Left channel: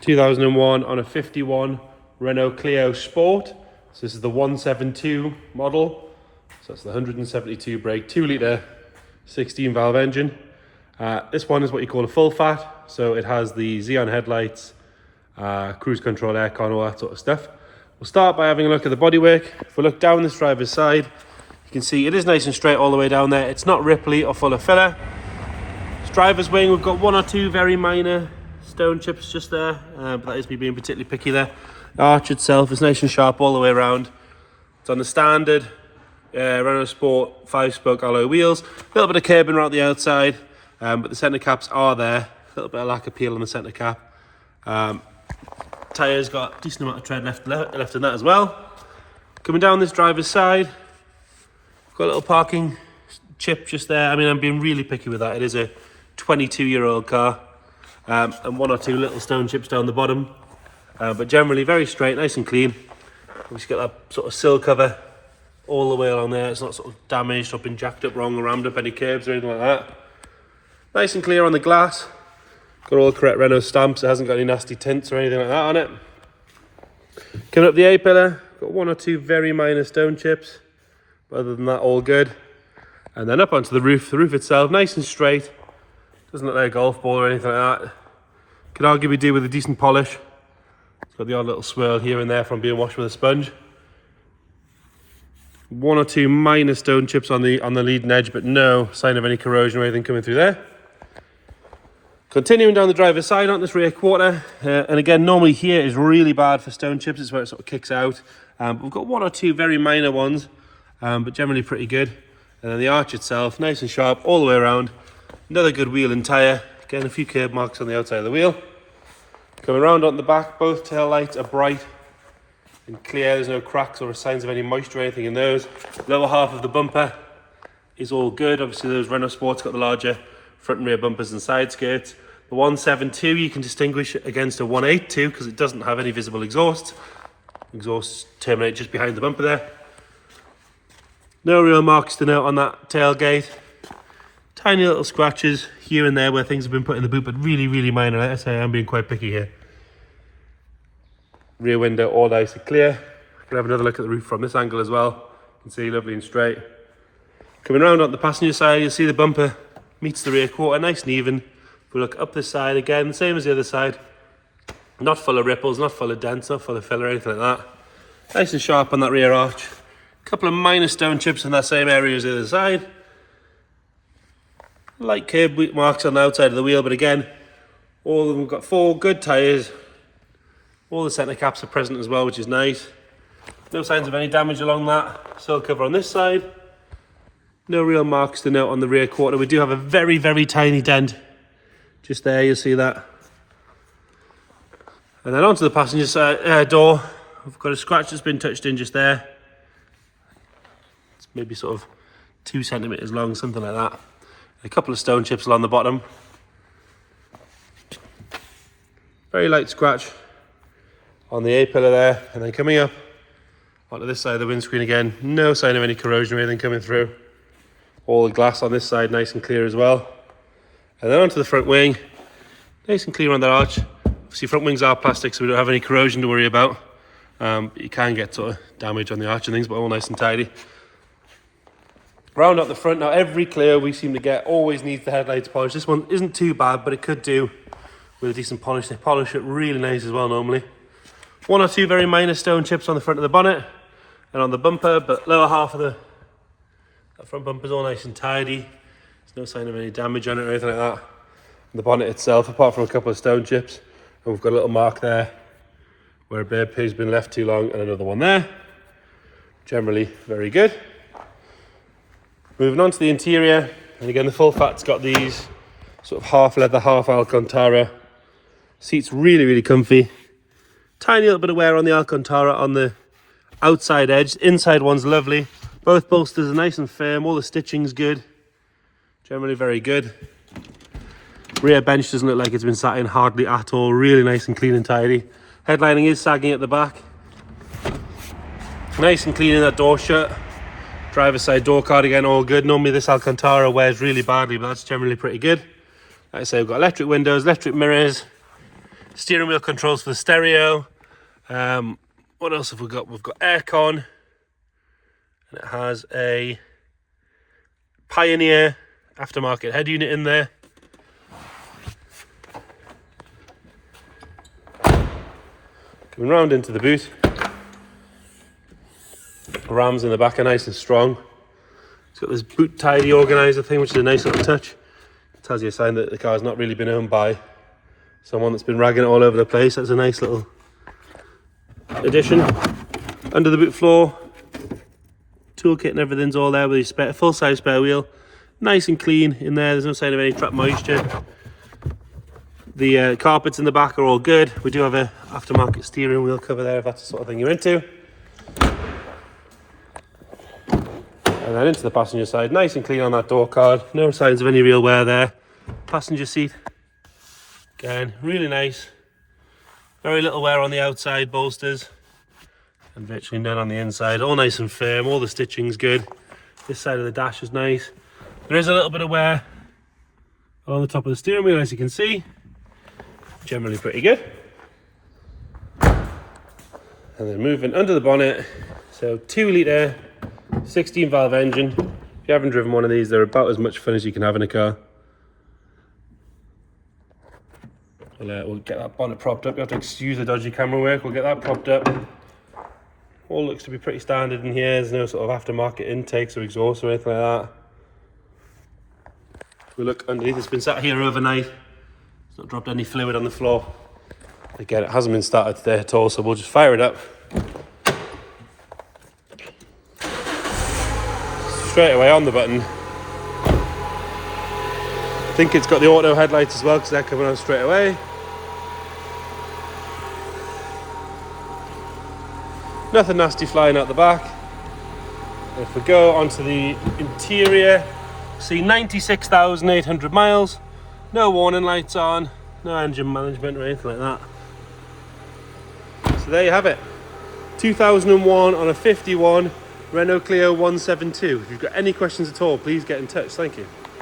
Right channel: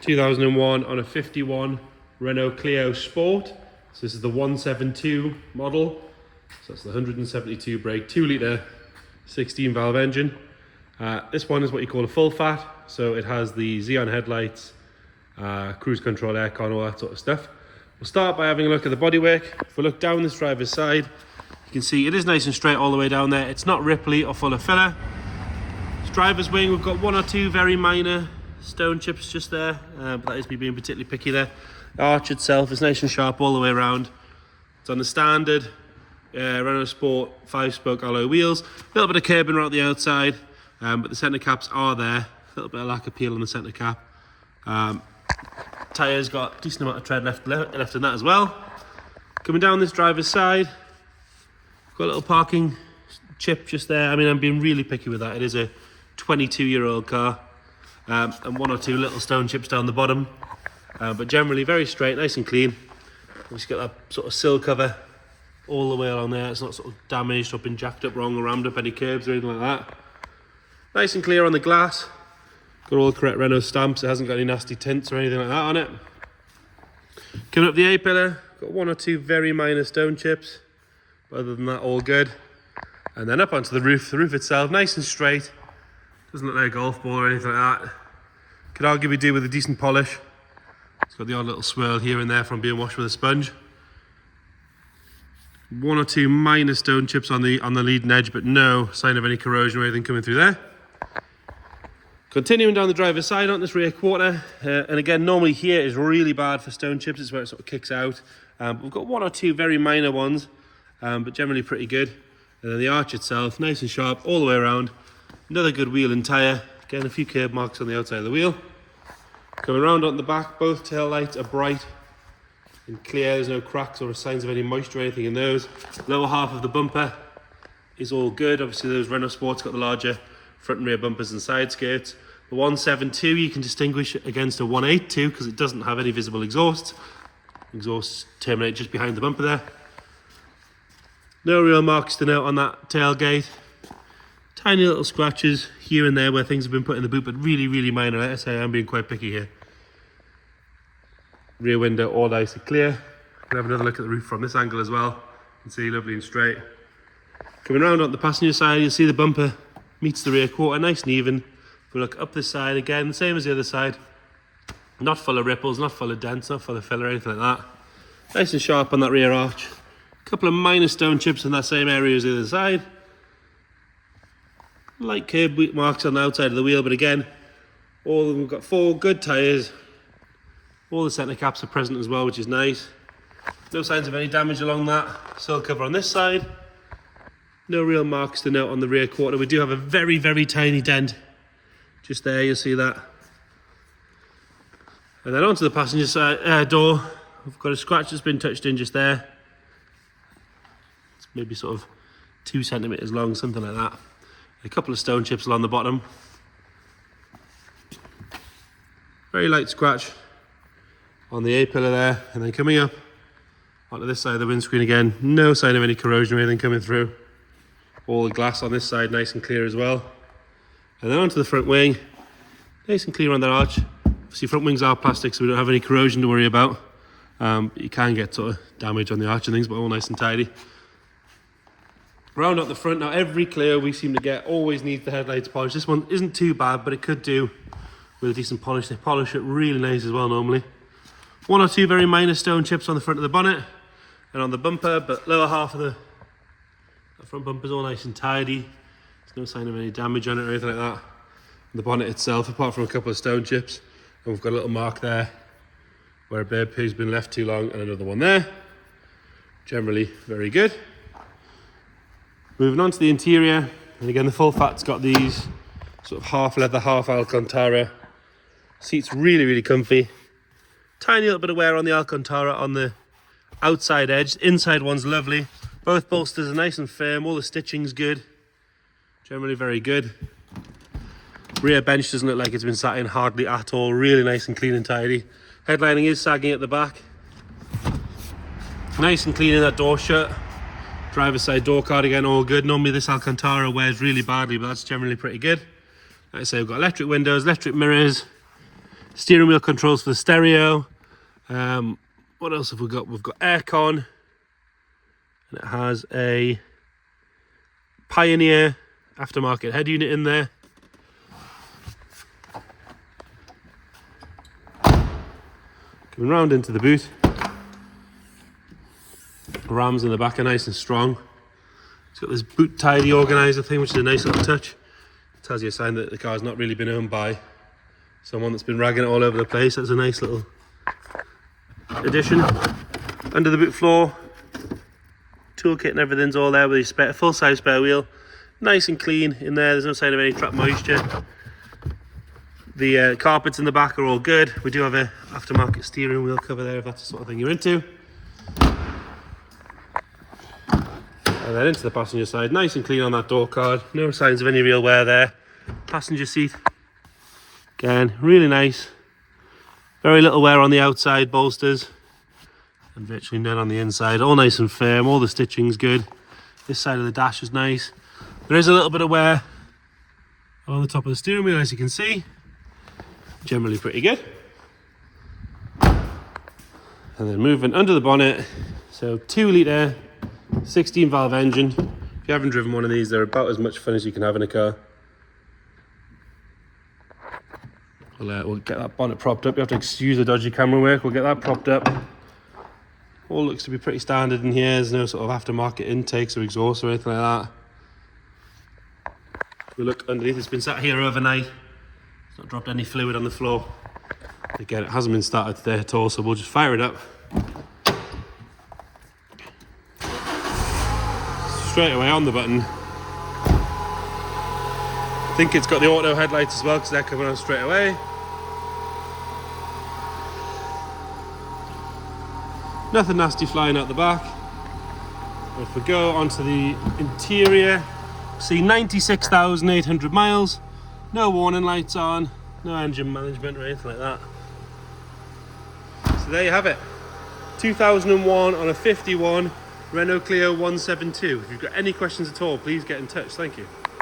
2001 on a 51 Renault Clio Sport. So this is the 172 model. So that's the 172 brake, 2 litre, 16 valve engine. This one is what you call a full fat. So it has the Xeon headlights, cruise control, aircon, all that sort of stuff. We'll start by having a look at the bodywork. If we look down this driver's side, you can see it is nice and straight all the way down there. It's not ripply or full of filler. This driver's wing, we've got 1 or 2 very minor stone chips just there, but that is me being particularly picky there. The arch itself is nice and sharp all the way around. It's on the standard Renault Sport 5-spoke alloy wheels. A little bit of curbing around the outside, but the centre caps are there. A little bit of lack of peel on the centre cap. Tyres got a decent amount of tread left in that as well. Coming down this driver's side, got a little parking chip just there. I mean, I'm being really picky with that. It is a 22-year-old car, and 1 or 2 little stone chips down the bottom, but generally very straight, nice and clean. We just got that sort of sill cover all the way along there. It's not sort of damaged or been jacked up wrong or rammed up any curbs or anything like that. Nice and clear on the glass. Got all the correct Renault stamps. It hasn't got any nasty tints or anything like that on it. Coming up the A-pillar, got 1 or 2 very minor stone chips. But other than that, all good. And then up onto the roof. The roof itself, nice and straight. Doesn't look like a golf ball or anything like that. Could arguably do with a decent polish. It's got the odd little swirl here and there from being washed with a sponge. 1 or 2 minor stone chips on the leading edge, but no sign of any corrosion or anything coming through there. Continuing down the driver's side on this rear quarter, and again, normally here is really bad for stone chips. It's where it sort of kicks out. But we've got 1 or 2 very minor ones, but generally pretty good. And then the arch itself, nice and sharp all the way around. Another good wheel and tyre. Again, a few curb marks on the outside of the wheel. Coming around on the back, both tail lights are bright and clear. There's no cracks or signs of any moisture or anything in those. Lower half of the bumper is all good. Obviously, those Renault Sports got the larger front and rear bumpers and side skirts. The 172 you can distinguish against a 182 because it doesn't have any visible exhausts. Exhausts terminate just behind the bumper there. No real marks to note on that tailgate. Tiny little scratches here and there where things have been put in the boot, but really, really minor. I say I'm being quite picky here. Rear window all nice and clear. Can have another look at the roof from this angle as well. You can see lovely and straight. Coming around on the passenger side, you'll see the bumper meets the rear quarter nice and even. If we look up this side again, same as the other side. Not full of ripples, not full of dents, not full of filler or anything like that. Nice and sharp on that rear arch. A couple of minor stone chips in that same area as the other side. Light curb marks on the outside of the wheel, but again, all of them have got 4 good tyres. All the centre caps are present as well, which is nice. No signs of any damage along that. Sill cover on this side. No real marks to note on the rear quarter. We do have a very, very tiny dent. Just there, you'll see that. And then onto the passenger side door. We've got a scratch that's been touched in just there. It's maybe sort of 2 centimetres long, something like that. A couple of stone chips along the bottom. Very light scratch on the A-pillar there. And then coming up onto this side of the windscreen again, no sign of any corrosion or anything coming through. All the glass on this side nice and clear as well. And then onto the front wing, nice and clear on that arch. Obviously front wings are plastic, so we don't have any corrosion to worry about. You can get sort of damage on the arch and things, but all nice and tidy. Round up the front, now every Clio we seem to get always needs the headlights polished. This one isn't too bad, but it could do with a decent polish. They polish it really nice as well normally. 1 or 2 very minor stone chips on the front of the bonnet and on the bumper, but lower half of the front bumper's all nice and tidy. There's no sign of any damage on it or anything like that. And the bonnet itself, apart from a couple of stone chips, and we've got a little mark there where a bird pig's been left too long, and another one there. Generally very good. Moving on to the interior, and again the full fat's got these sort of half leather, half Alcantara. Seats really, really comfy. Tiny little bit of wear on the Alcantara on the outside edge. Inside one's lovely. Both bolsters are nice and firm. All the stitching's good. Generally very good. Rear bench doesn't look like it's been sat in hardly at all. Really nice and clean and tidy. Headlining is sagging at the back. Nice and clean in that door shut. Driver's side door card again, all good. Normally this Alcantara wears really badly, but that's generally pretty good. Like I say, we've got electric windows, electric mirrors, Steering wheel controls for the stereo. What else have we got? We've got aircon. And it has a Pioneer aftermarket head unit in there. Coming round into the boot. Rams in the back are nice and strong. It's got this boot tidy organizer thing, which is a nice little touch. It tells you a sign that the car's not really been owned by someone that's been ragging it all over the place. That's a nice little addition. Under the boot floor, toolkit and everything's all there with a full-size spare wheel. Nice and clean in there. There's no sign of any trapped moisture. The carpets in the back are all good. We do have a aftermarket steering wheel cover there if that's the sort of thing you're into. And then into the passenger side, nice and clean on that door card. No signs of any real wear there. Passenger seat, again, really nice. Very little wear on the outside bolsters. And virtually none on the inside. All nice and firm, all the stitching's good. This side of the dash is nice. There is a little bit of wear on the top of the steering wheel, as you can see. Generally pretty good. And then moving under the bonnet, so 2 litre 16 valve engine. If you haven't driven one of these, they're about as much fun as you can have in a car. We'll get that bonnet propped up. You have to excuse the dodgy camera work. We'll get that propped up. All looks to be pretty standard in here. There's no sort of aftermarket intakes or exhaust or anything like that. If we look underneath, it's been sat here overnight. It's not dropped any fluid on the floor. Again, it hasn't been started today at all, so we'll just fire it up. Straight away on the button. I think it's got the auto headlights as well, because they're coming on straight away. Nothing nasty flying out the back. And if we go onto the interior, see 96,800 miles. No warning lights on, no engine management or anything like that. So there you have it. 2001 on a 51 Renault Clio 172. If you've got any questions at all, please get in touch. Thank you.